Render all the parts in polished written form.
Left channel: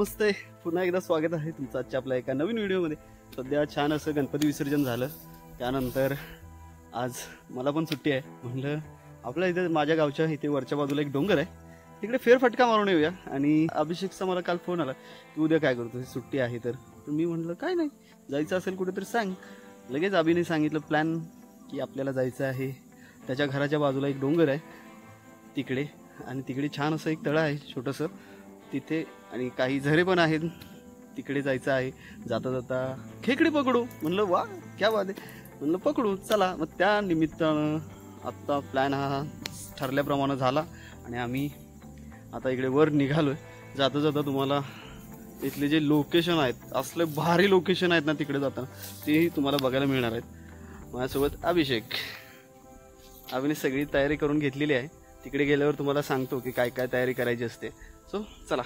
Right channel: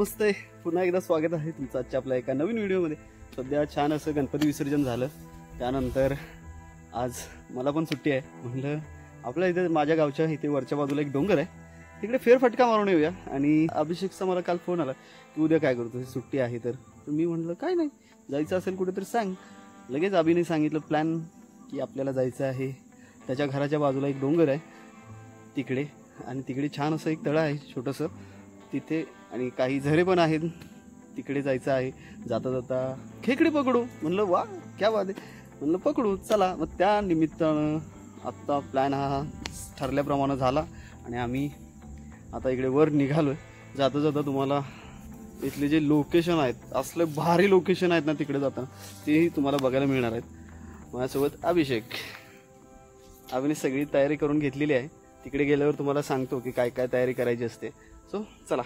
नमस्ते, पुन्हा एकदा स्वागत आहे तुमचं आजच्या आपल्या एका नवीन व्हिडिओमध्ये। सध्या छान असं गणपती विसर्जन झालं, त्यानंतर आज मला पण सुट्टी आहे। म्हणलं आपल्या इथे माझ्या गावच्या इथे वरच्या बाजूला एक डोंगर आहे, तिकडे फेरफटका मारून येऊया। आणि अभिषेकचा मला काल फोन आला की उद्या काय करतो, सुट्टी आहे तर मी म्हणलं काय नाही, जायचं असेल कुठेतरी सांग। लगेच अभिने सांगितलं प्लॅन की आपल्याला जायचं आहे। त्याच्या घराच्या बाजूला एक डोंगर आहे तिकडे, आणि तिकडे छान असं एक तळं आहे छोटंसं तिथे, आणि काही झरे पण आहेत, तिकडे जायचं आहे। जाता जाता खेकडी पकडू म्हणलं, वा क्या बात आहे, म्हणलं पकडू चला। मग त्या निमित्तानं आत्ता प्लॅन हा ठरल्याप्रमाणे झाला आणि आम्ही आता इकडे वर निघालोय। जाता जाता तुम्हाला इथले जे लोकेशन आहेत, असले भारी लोकेशन आहेत ना तिकडे जाताना, तेही तुम्हाला बघायला मिळणार आहेत। माझ्यासोबत अभिने सगळी तयारी करून घेतलेली आहे। तिकडे गेल्यावर तुम्हाला सांगतो की काय काय तयारी करायची असते। सो चला,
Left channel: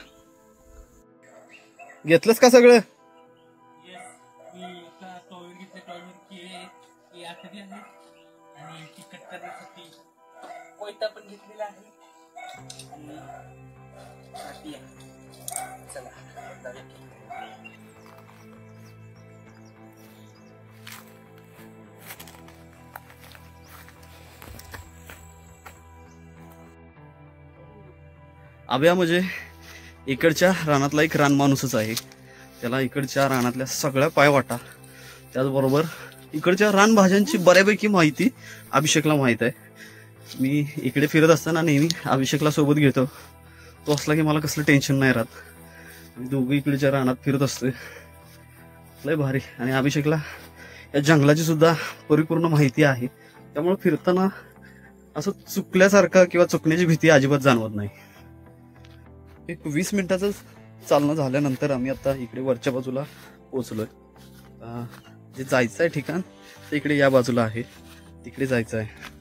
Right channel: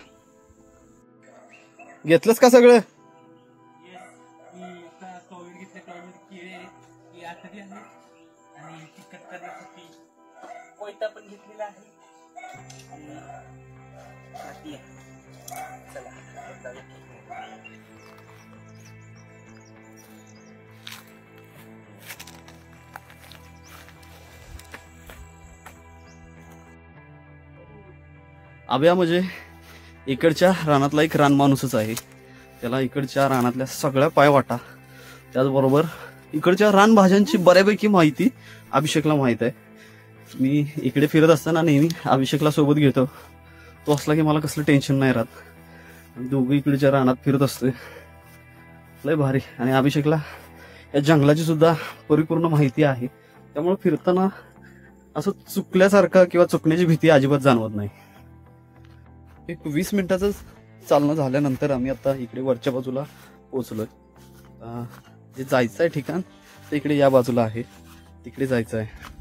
घेतलंस का सगळं? अभ्या म्हणजे इकडच्या रानातला एक रान माणूसच आहे, त्याला इकडच्या रानातल्या सगळ्या पायवाटा, त्याचबरोबर इकडच्या रानभाज्यांची बऱ्यापैकी माहिती अभिषेकला माहित आहे। मी इकडे फिरत असताना नेहमी अभिषेकला सोबत घेतो, तो असला की मला कसलं टेन्शन नाही राहत। आणि दोघं इकडच्या रानात फिरत असतोय, लय भारी। आणि अभिषेकला या जंगलाची सुद्धा परिपूर्ण माहिती आहे, त्यामुळे फिरताना असं चुकल्यासारखं किंवा चुकण्याची भीती अजिबात जाणवत नाही। एक 20 मिनिटाचं चालणं झाल्यानंतर आम्ही आता इकडे वरच्या बाजूला पोहोचलोय। जे जायचं आहे ठिकाण ते इकडे या बाजूला आहे, तिकडे जायचं आहे।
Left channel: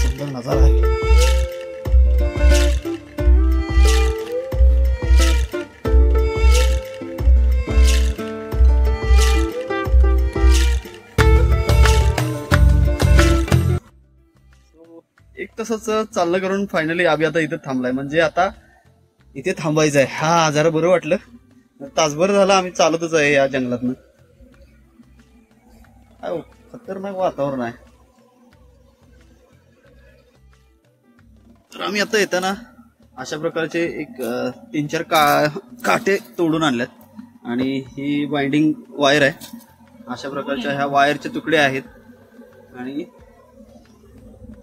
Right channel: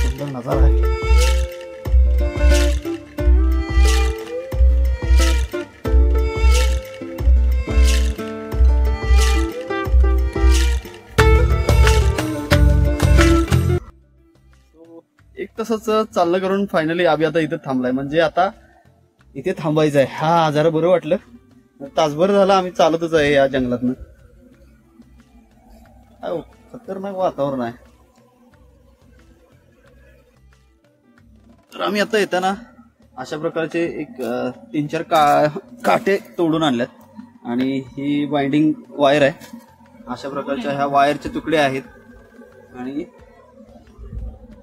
सुंदर नजारा आहे। एक तसंच चालणं करून फायनली आम्ही आता इथे थांबलाय, म्हणजे आता इथे थांबायचं आहे। हा जरा बरं वाटलं, तासभर झाला आम्ही चालतच आहे या जंगलातनं। खतरनाक वातावरण आहे। तर आम्ही आता येताना अशा प्रकारचे एक 3-4 काटे तोडून आणल्यात, आणि ही बाइंडिंग वायर आहे। अशा प्रकारच्या ह्या वायरचे तुकडे आहेत, आणि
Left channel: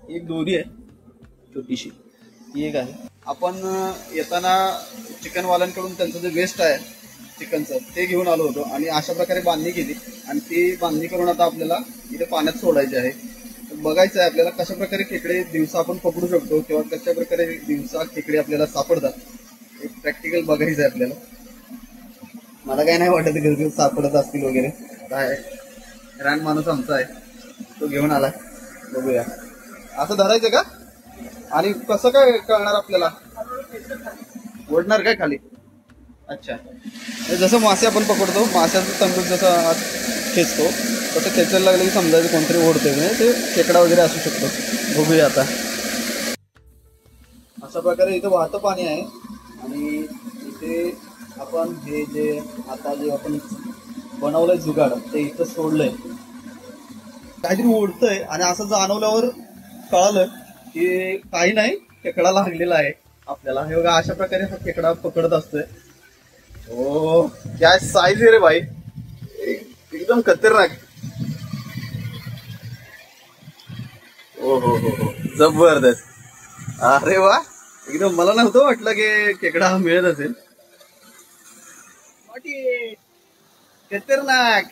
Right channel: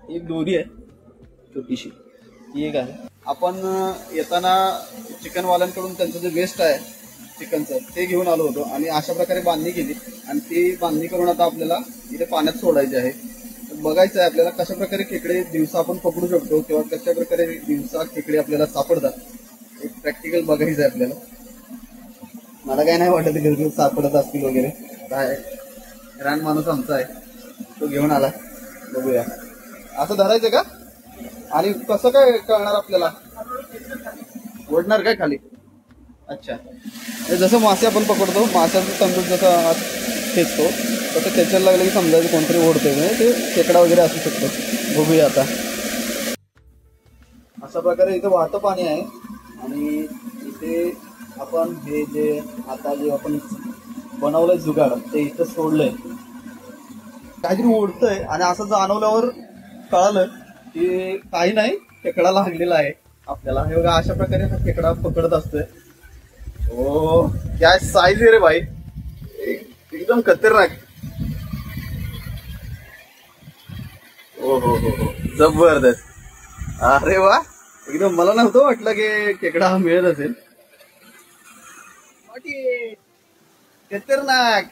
एक दोरी आहे छोटीशी, ती एक आहे। आपण येताना चिकनवाल्यांकडून त्यांचं जे वेस्ट आहे चिकनचं ते घेऊन आलो होतो, आणि अशा प्रकारे बांधणी केली, आणि ती बांधणी करून आता आपल्याला इथे पाण्यात सोडायची आहे। बघायचं आहे आपल्याला कशा प्रकारे खेकडे दिवसा आपण पकडू शकतो, किंवा कशा प्रकारे दिवसा खेकडे आपल्याला सापडतात, एक प्रॅक्टिकल बघायचं आहे आपल्याला। मला काय नाही वाटत घरी सापडत असतील वगैरे, काय रान माणूस आमचा आहे तो घेऊन आलाय, बघूया। असं धरायचं का, आणि कसं काय कळणार आपल्याला, ओढणार काय खाली? अच्छा, जसं मासे आपण पकडतो, माशाचं तंदूर जसं खेचतो तसं खेचायला लागलं की समजायचं कोणतरी ओढतोय, म्हणजे ते खेकडा वगैरे असू शकतो। बघूया आता। अशा प्रकारे इथं वाहतं पाणी आहे, आणि इथे आपण हे जे आता जे आपण बनवलंय जुगाड ते इथं सोडलंय, काहीतरी ओढतंय, आणि असं जाणवल्यावर कळालं की काही नाही, खेकडा लागलेला आहे आपल्याला। हे बघा अशा प्रकारे हा खेकडा पकडत असतोय। ओ काय साईज आहे रे भाई, एकदम खतरनाक। ओ हो जबरदस्त, अरे वा, एकदम मला नव्हतं वाटलं की खेकडा हा मिळत असेल, खतरनाक।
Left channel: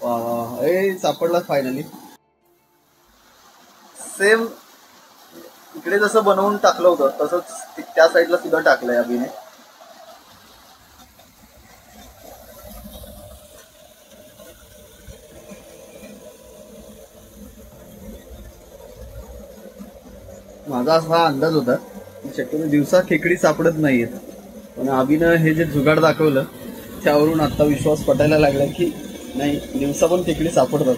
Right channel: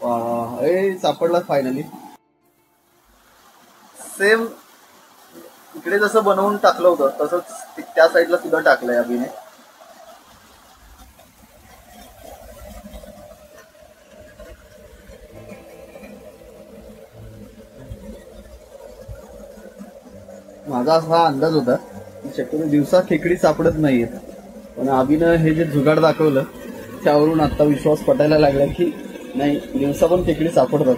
वा सापडला फायनली। सेम इकडे जसं बनवून टाकलं होतं तसंच त्या साईडला सुद्धा टाकलंय अभिने। माझा असा अंदाज होता की शक्यतो दिवसा खेकडी सापडत नाहीयेत, पण अभिनं हे जे जुगाड दाखवलं त्यावरून आता विश्वास पटायला लागला की नाही दिवसा पण खेकडी सापडतात.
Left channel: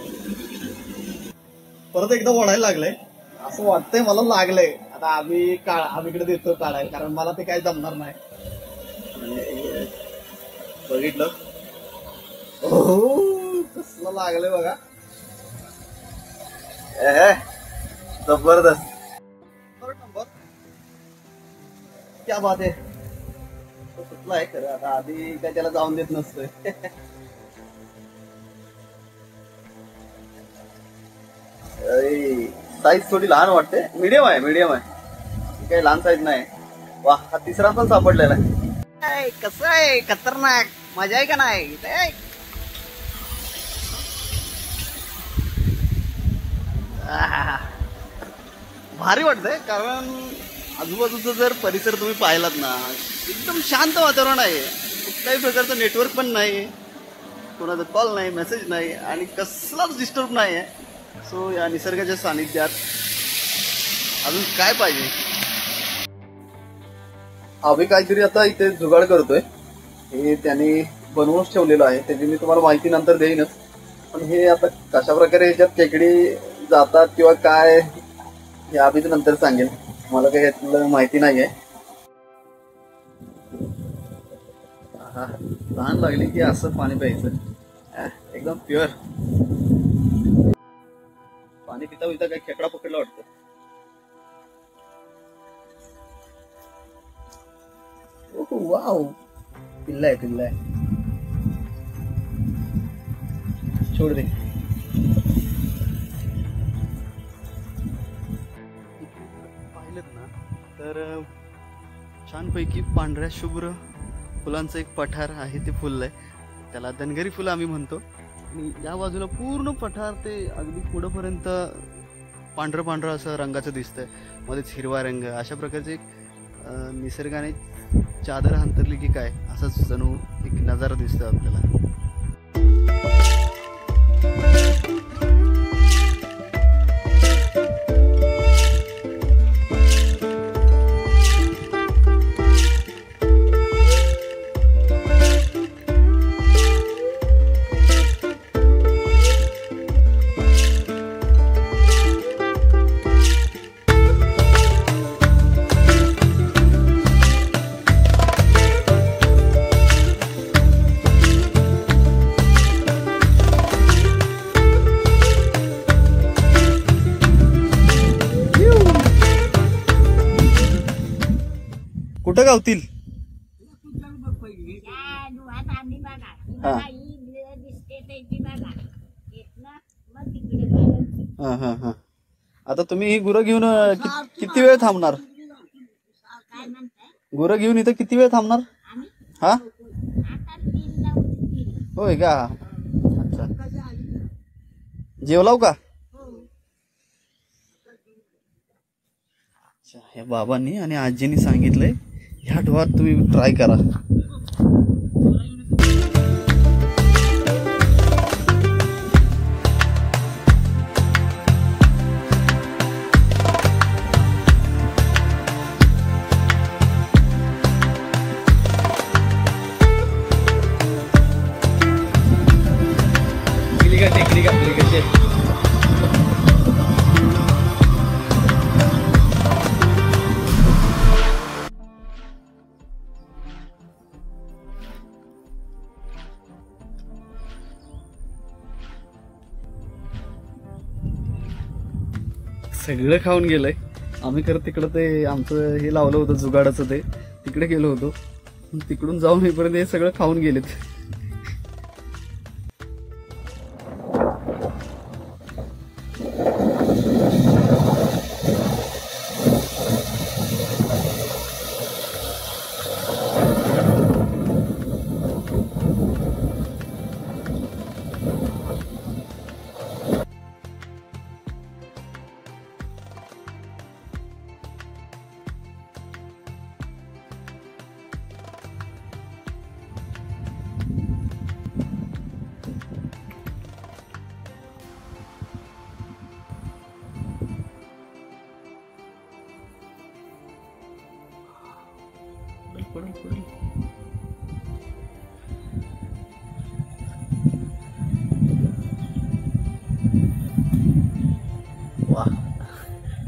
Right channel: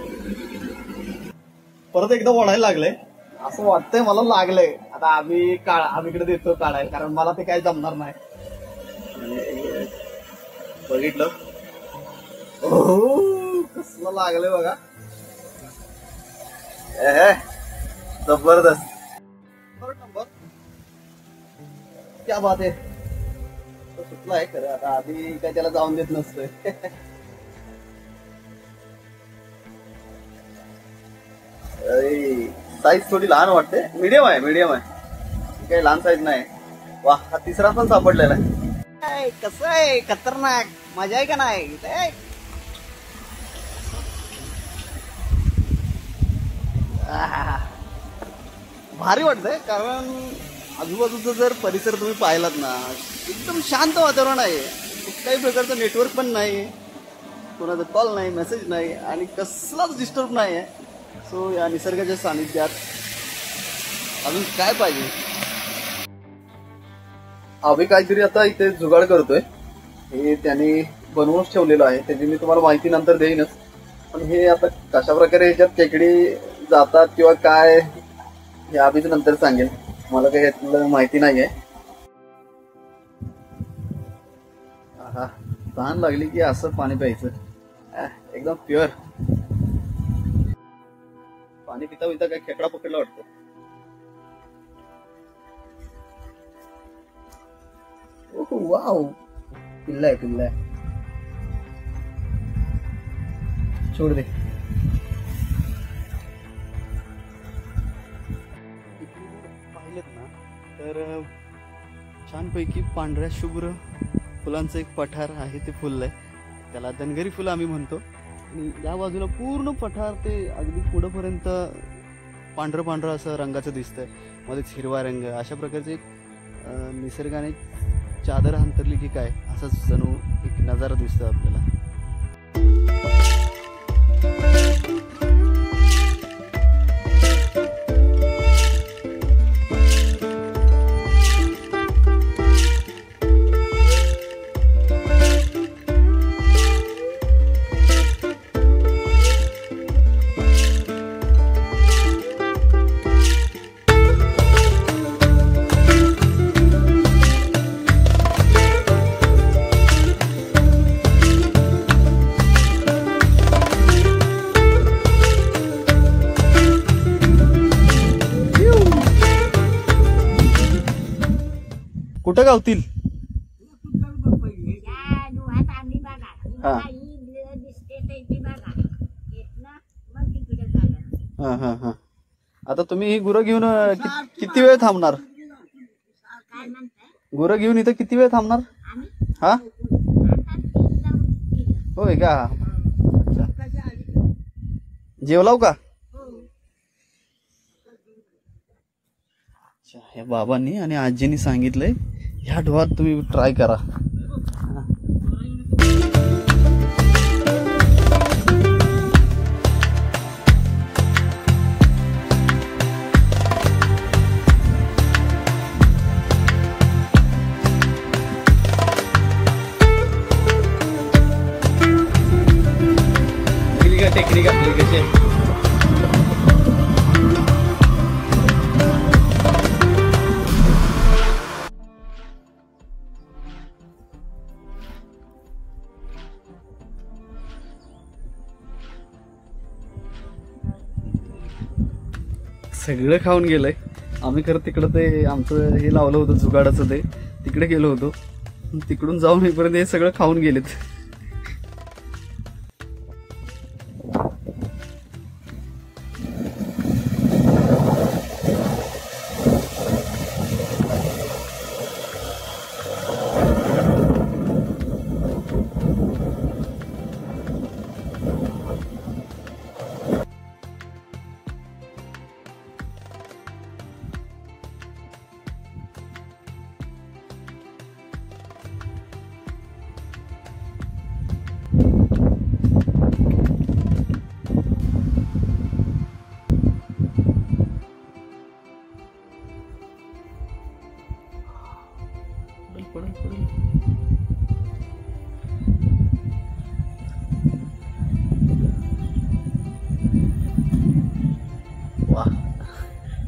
परत एकदा ओढायला लागलंय असं वाटतंय मला लागलंय. आता आम्ही इकडे देतो काढायला, कारण मला ते काही जमणार नाही. बघितलं कसलं लागलंय बघा. जबरदस्त नंबर. क्या बात आहे. तो सुटला आहे खरं. आता आधी काय त्याला जाऊन देत नसतोय. साईज थोडी लहान वाटते. मीडियम आहे काही लहान साईज नाही. वा हा तिसरा पण सापडलेला आहे. कसं आहे खतरनाक. मजा आहे का नाही. भारी वाटतंय, कारण आजूबाजूचा जर परिसर तुम्ही पाहिलात ना, एकदम शांत वातावरण आहे. कुठल्याही प्रकारचं नेटवर्क पण नाही, कोणाचा कॉल नाही, मेसेज नाही आणि कसलाच डिस्टर्ब नाही आहे. सो या निसर्गाच्या सानिध्यात अजून काय पाहिजे. आम्ही काहीतरी आता इथे जुगाड करतोय. हे त्याने बनवून ठेवलेलं आहे, त्याची मी तुम्हाला माहिती नंतर देईनच. पण हे आता कशा प्रकारे याच्यात खेकडी जातात किंवा काय हे आम्हीच नंतर सांगेल. मला काही यातलं माहिती नाहीये. तहान लागली की असं पाणी प्यायचं, एकदम प्युअर पाणी. पिता पिता काही खेकडा पकडला वाटतं. वाव, पिल्ला आहे. छोड दे. पाहिलं ना तर छानपैकी पांढऱ्या शुभ्र फुलांचं एक पठार आहे, ते फुललंय. त्याला धनगरी फुलं आम्ही म्हणतो. आणि या बाजूला पूर्ण पठार ते अगदी पुढंपर्यंत पांढरं असं रंगाचं दिसतंय. मध्येच हिरवा रंग. अशा प्रकारचे एक निसर्गाने चादर अंतरली की काय असंच जणू एक नजारा दिसतो आपल्याला. कुठं गावतील. आता तुम्ही ही गुरं घेऊन किती वेळ थांबणार. गुरं घेऊन इथं किती वेळ थांबणार. हा होय का. अच्छा, जेवलाव का. अच्छा, या बाबांनी आणि आजींनी सांगितलंय ह्या ढोरात तुम्ही ट्राय करा. टेक्निक आपली कशी सगळं खाऊन गेलंय. आम्ही खरं तिकडं ते आमचं हे लावलं होतं जुगाडाचं, ते तिकडे गेलो होतो. तिकडून जाऊन येईपर्यंत हे सगळं खाऊन गेलेत.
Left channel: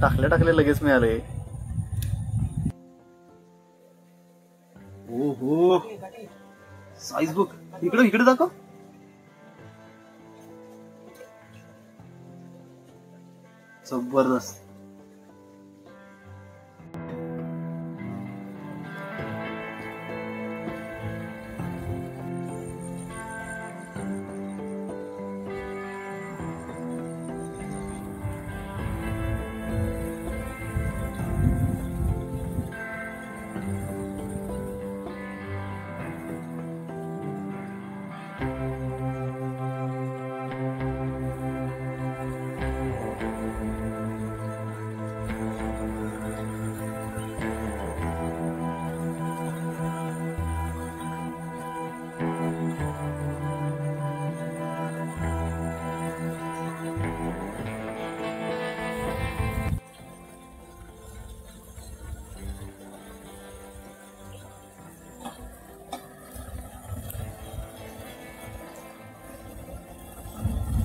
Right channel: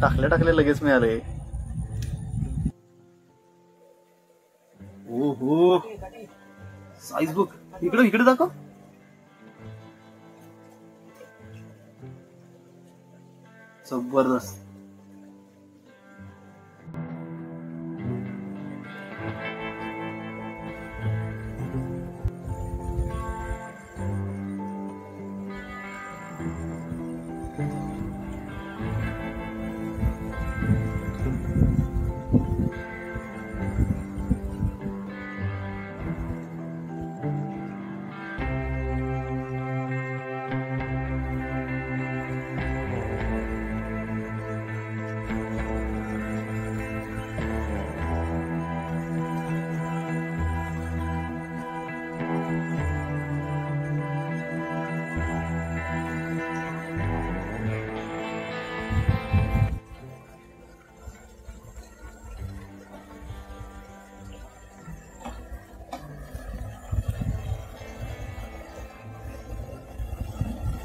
टाकले लगेच मिळाले. ओहो साईज बघ, इकडे दाखव. जबरदस्त.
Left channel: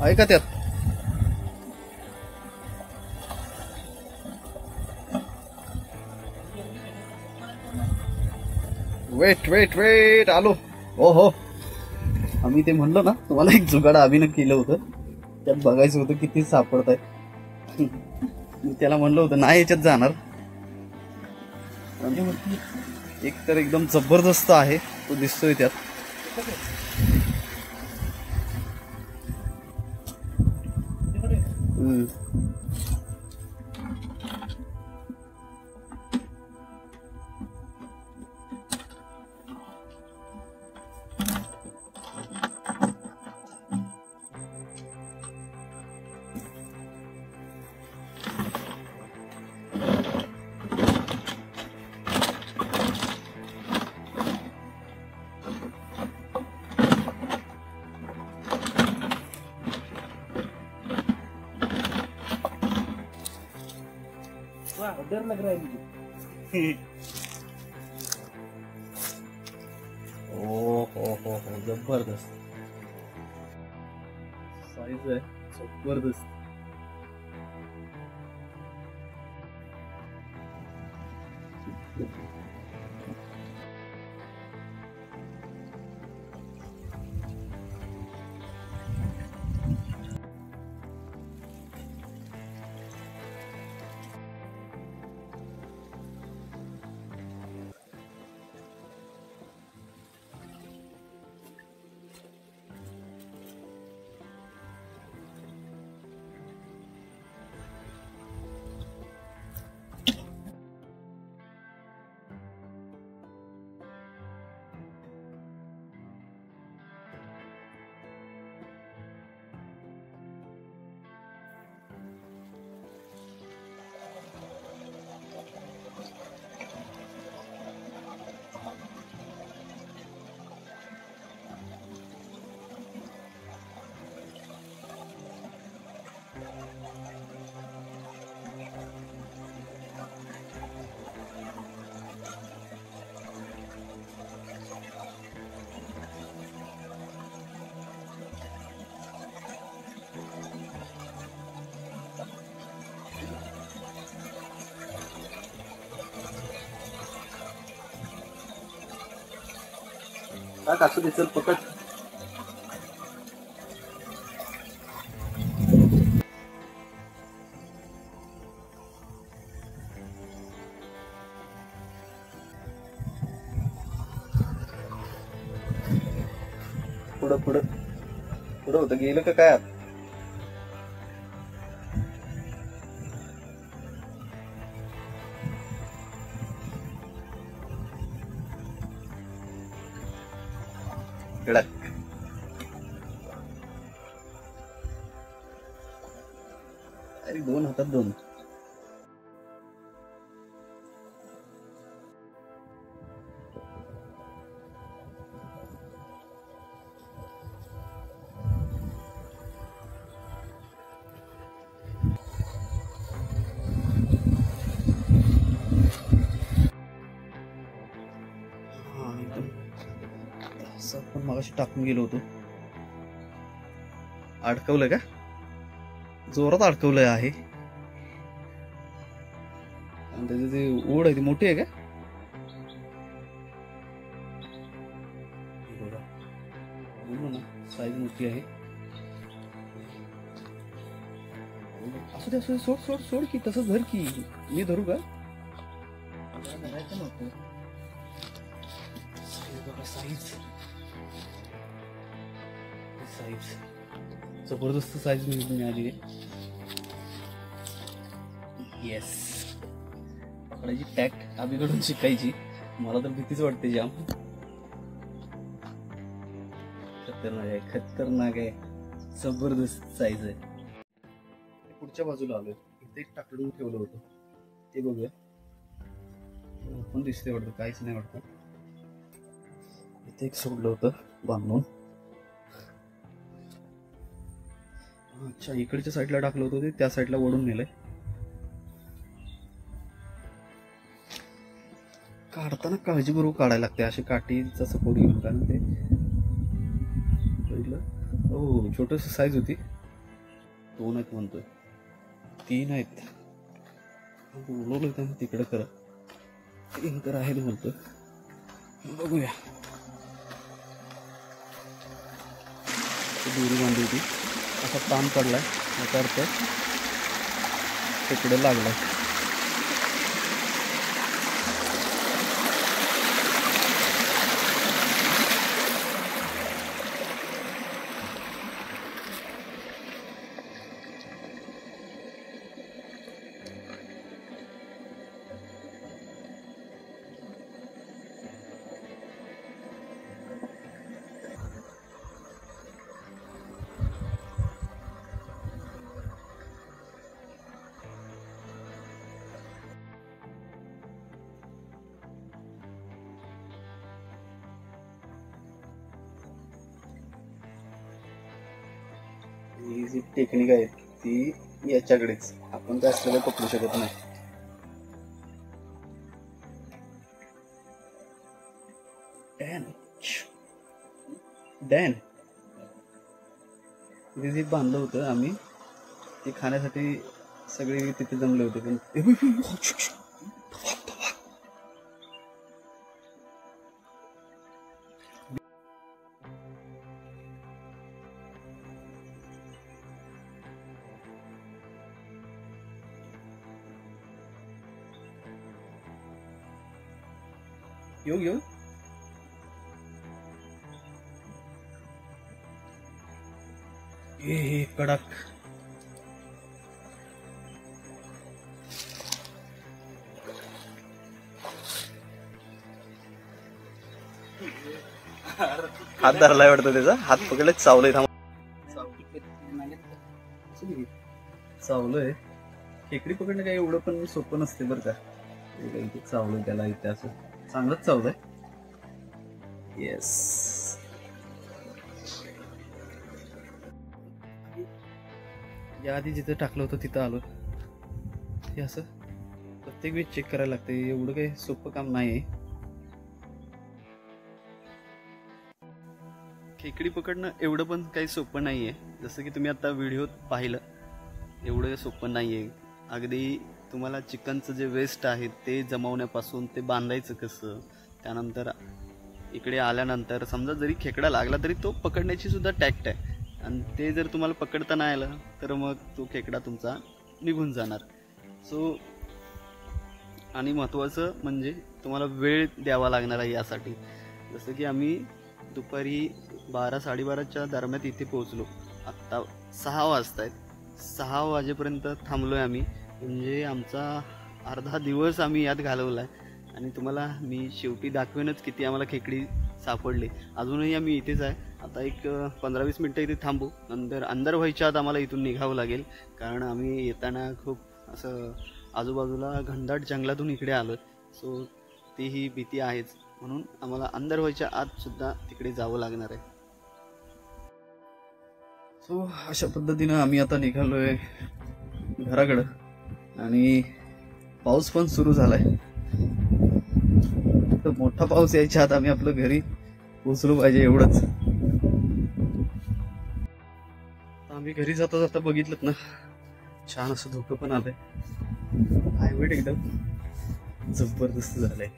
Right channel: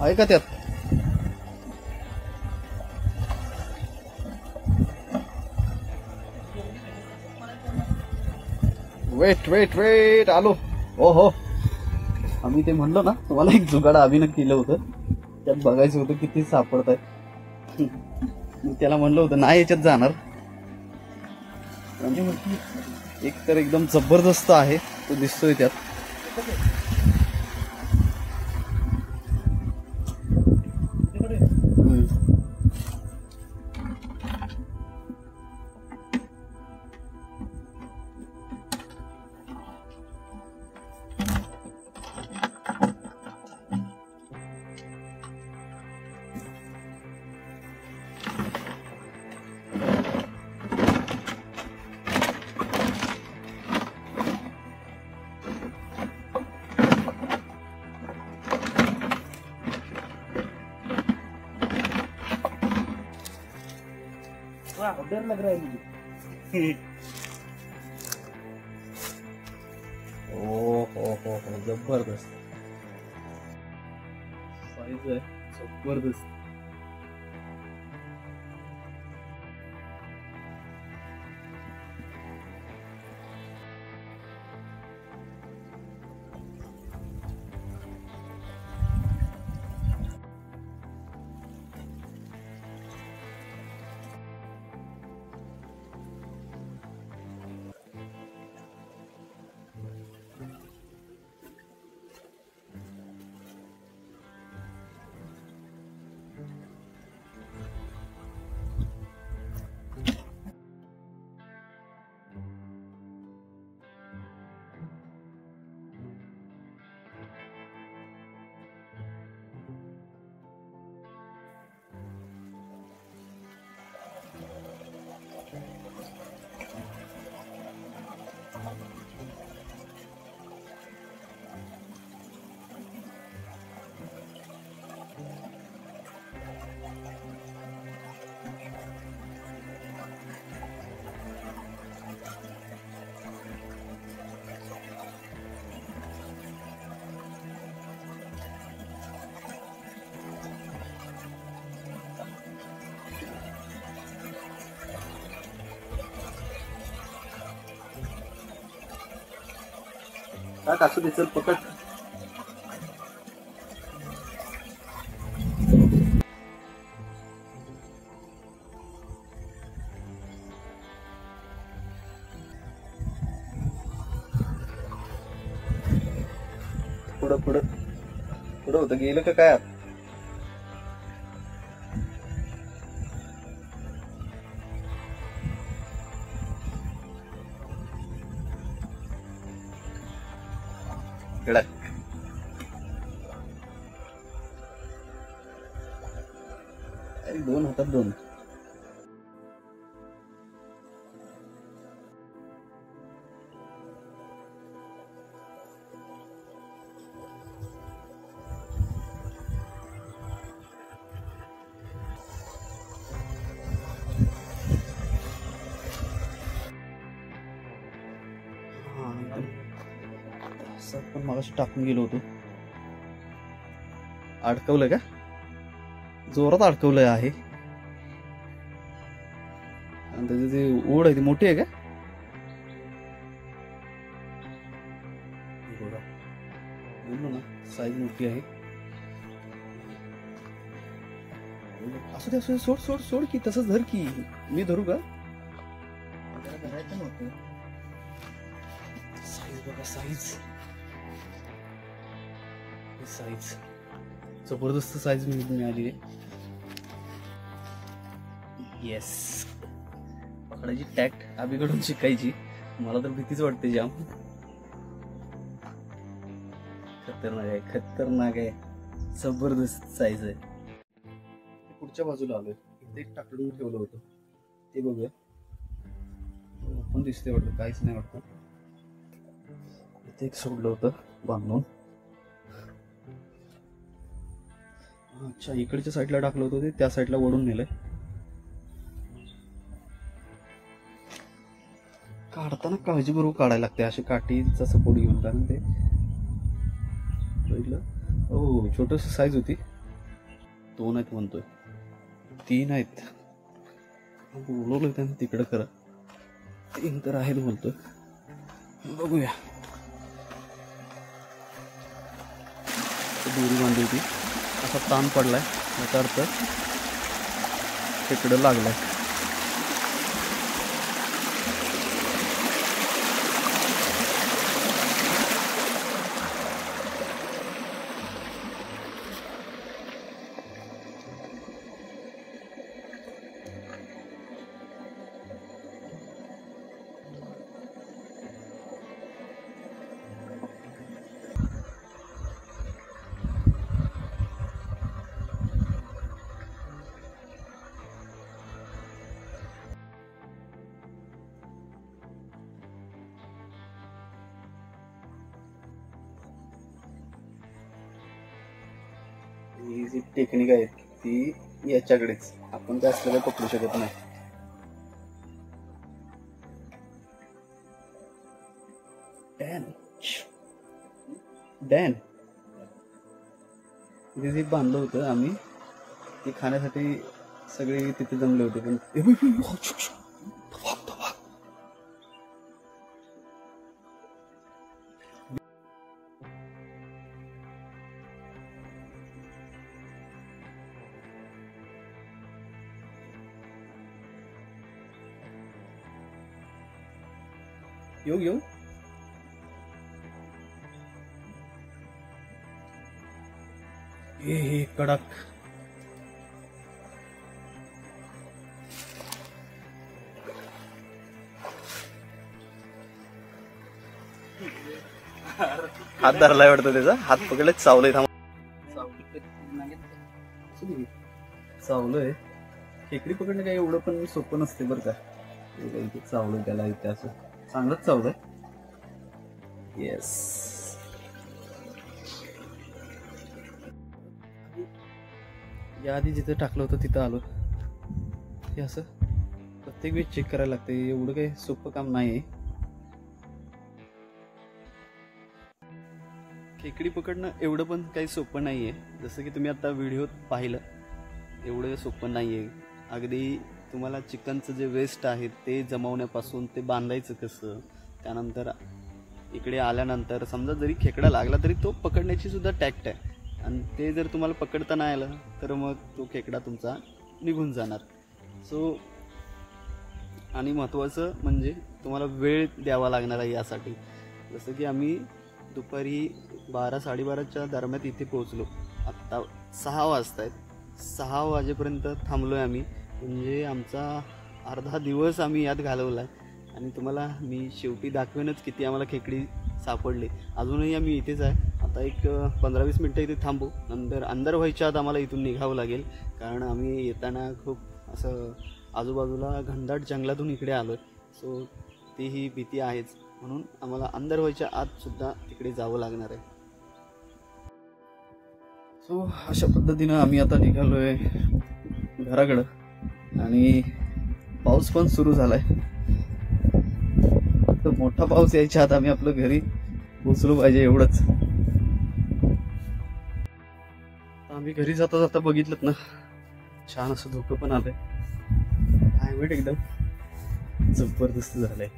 आहे का त्यात? वेट आलो. हो आम्ही ते म्हणलो ना तुम्हाला, एक जुगाड अभिनय केलं होतं, त्यात बघायचं होतं किती सापडत आहे. त्याला म्हणलं होतं नाही याच्यात जाणार. एक तर एकदम जबरदस्त आहे, तो दिसतोय त्यात. डर लग रहा है मुझे. हो जबरदस्त साइज आहे, जबरदस्त. असू दे, चल पकड. पुढं होतं, गेलं का काय? अरे दोन हातात दोन. असं पण मगाशी टाकून गेलो होतो. अडकवलं का? जोरात अडकवलंय आहे. आणि त्याची जी ओढ आहे ती मोठी आहे का? बघा बोललो ना साईज मोठी आहे. असं ते सोड सोड सोड की तसंच धर की. मी धरू का? धरायचं नव्हतं. साईज बघा साईज साईज जबरदस्त साईज मिळाली आहे. येस पकडायची टॅक्ट अभिकडून शिकायची. मला तर भीतीच वाटते जाम. खतरनाक आहे जबरदस्त साईज आहे. पुढच्या बाजूला आलोय. इथे एक टाकलून ठेवलं होतं ते बघूया. पण दिसते वाटतं काहीच नाही वाटतं. इथे एक सोडलं होतं बांधून. अच्छा इकडच्या साईडला टाकलं होतं ते त्या साईडला ओढून नेलंय. काढताना काळजीपूर्वक काढायला लागते अशी काठीचा सपोर्ट घेऊन. कारण ते हो छोटस साईज होती. 2 आहेत म्हणतोय 3 आहेत. बोलवलं त्यांना तिकडे खरं 3 तर आहेत बोलतोय. बघूया. दोरी बांधली होती असा ताण पडलाय याचा अर्थ तिकडं लागलाय. जी टेक्निक आहे ती याच्याकडेच. आपण काय असलेलं पकडू शकत नाही. डॅन तिथे जे बांधलं होतं आम्ही ते खाण्यासाठी सगळे तिथे जमले होते. पण येऊ ये कडक. हात धरलाय वाटतं त्याचा. हात पकडले चावलंय. चावलंय. खेकडी पकडणं काही एवढं पण सोपं नसते बरं का. इथे चावलं त्याला इथे असं चांगलंच चावलंय. येस या आधी जिथं टाकलं होतं तिथं आलो. हे असं प्रत्येक वेळी चेक करायला लागते. एवढं काही सोपं काम नाही. खेकडी पकडणं एवढं पण काही सोपं नाहीये. जसं की तुम्ही आता व्हिडिओत पाहिलं एवढं सोपं नाहीये. अगदी तुम्हाला चिकनचं जे वेस्ट आहे ते जमवण्यापासून ते बांधायचं कसं, त्यानंतर इकडे आल्यानंतर समजा जरी खेकडा लागला तरी तो पकडण्याची सुद्धा टॅक्ट आहे. आणि ते जर तुम्हाला पकडता नाही आलं तर मग तो खेकडा तुमचा निघून जाणार. सो आणि महत्त्वाचं म्हणजे तुम्हाला वेळ द्यावा लागणार आहे यासाठी. जसं की आम्ही दुपारी 12-12:30च्या दरम्यान इथे पोहोचलो. आत्ता 6 वाजता आहेत. 6 वाजेपर्यंत थांबलो आहे आम्ही. म्हणजे आमचा अर्धा दिवस आम्ही यात घालवला आहे. आणि तुम्हाला मी शेवटी दाखवेनच किती आम्हाला खेकडी सापडले. अजूनही आम्ही इथेच आहे. आता एक 15-20 मिनटं इथे थांबू. नंतर अंधार व्हायच्या आत आम्हाला इथून निघावं लागेल. कारण आम्ही येताना खूप असं आजूबाजूला घनदाट जंगलातून इकडे आलो. सो तीही भीती आहेच. म्हणून आम्हाला अंधार व्हायच्या आत सुद्धा तिकडे जावं लागणार आहे. सो अशा पद्धतीनं आम्ही आता निघालोय घराकडं. आणि पाऊस पण सुरू झालाय. तर मोठा पाऊस यायच्या आत आम्ही आपलं घरी पोचलो पाहिजे एवढंच. आम्ही घरी जाता जाता बघितलं ना छान असं धुकं पण आलंय. हायवेट एकदम जबरदस्त झालंय.